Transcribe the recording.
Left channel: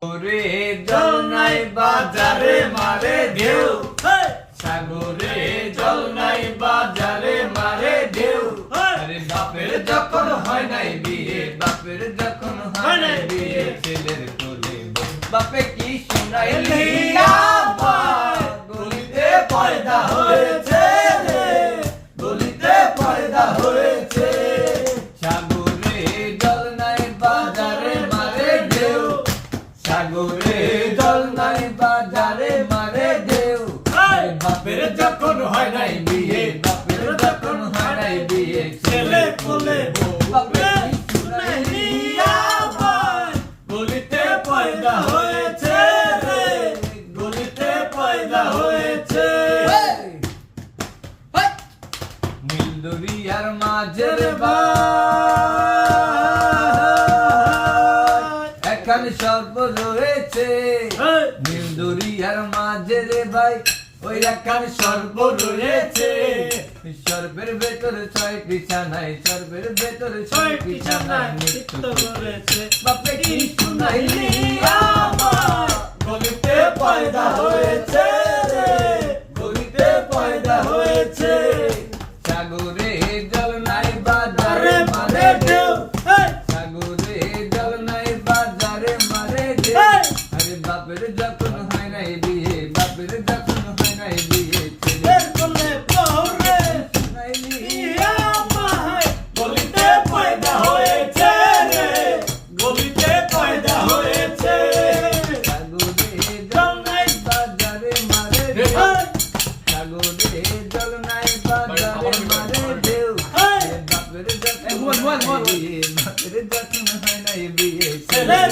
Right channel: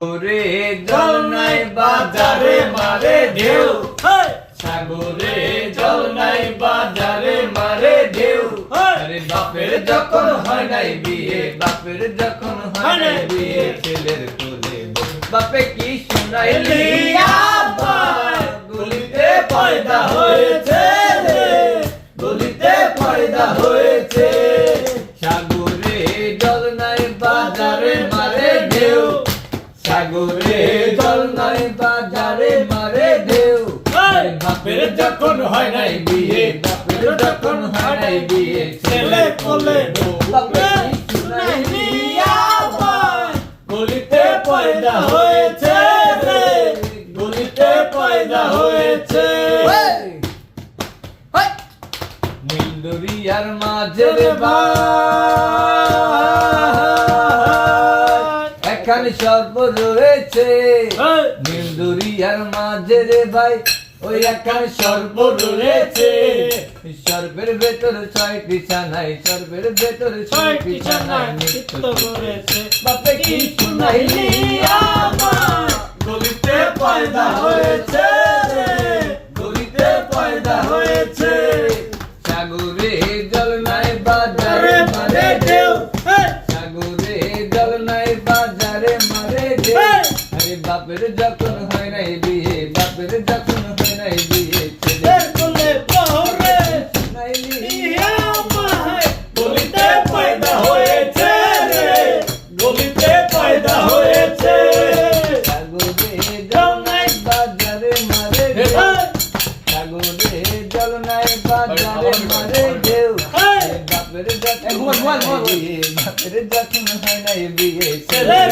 ওরে জল নাই বাজারে মারে ঢেউ, সাগরে জল নাই বাজারে মারে ঢেউ। আরে বাপের যখন হয় নাই বিয়ে, বাপের যখন হয় নাই বিয়ে, ছেলের কোলে বাপে কি শুনাইলি আবার, গলিতে পয়দা হয়েছে রে, গলিতে পয়দা হয়েছে। সাগরে জল নাই বাজারে মারে ঢেউ, সাগরে জল নাই বাজারে মারে ঢেউ। বাপের যখন হয় নাই বিয়ে, বাপের যখন হয় নাই বিয়ে, ছেলের কোলে বাপে কি শুনাইলি আবার, গলিতে পয়দা হয়েছে রে, গলিতে পয়দা হয়েছে। নীল দরিয়ার মাঝের এখানে সর্ব রয়েছে, নীল দরিয়ার মাঝে রে ভাই ওই এখানে সর্ব রয়েছে। সর্বের ভেতর ছয় বিছানায়, সর্বের ভেতর ছয় বিছানায় নৃত্য করেছে। বাপে কি শুনাইলি আমার, গলিতে পয়দা হয়েছে রে, গলিতে পয়দা হয়েছে। সাগরে জল নাই বাজারে মারে ঢেউ, সাগরে জল নাই বাজারে মারে ঢেউ। আরে বাপের যখন হয় নাই বিয়ে, বাপের যখন হয় নাই বিয়ে, ছেলের কোলে পড়ে শুনাইলি আমার, গলিতে পয়দা হয়েছে রে, গলিতে পয়দা হয়েছে। সাগরে জল নাই বাজারে মারে ঢেউ, সাগরে জল নাই বাজারে মারে ঢেউ। বাপের যখন হয় নাই বিয়ে, বাপের যখন হয় নাই বিয়ে, ছেলের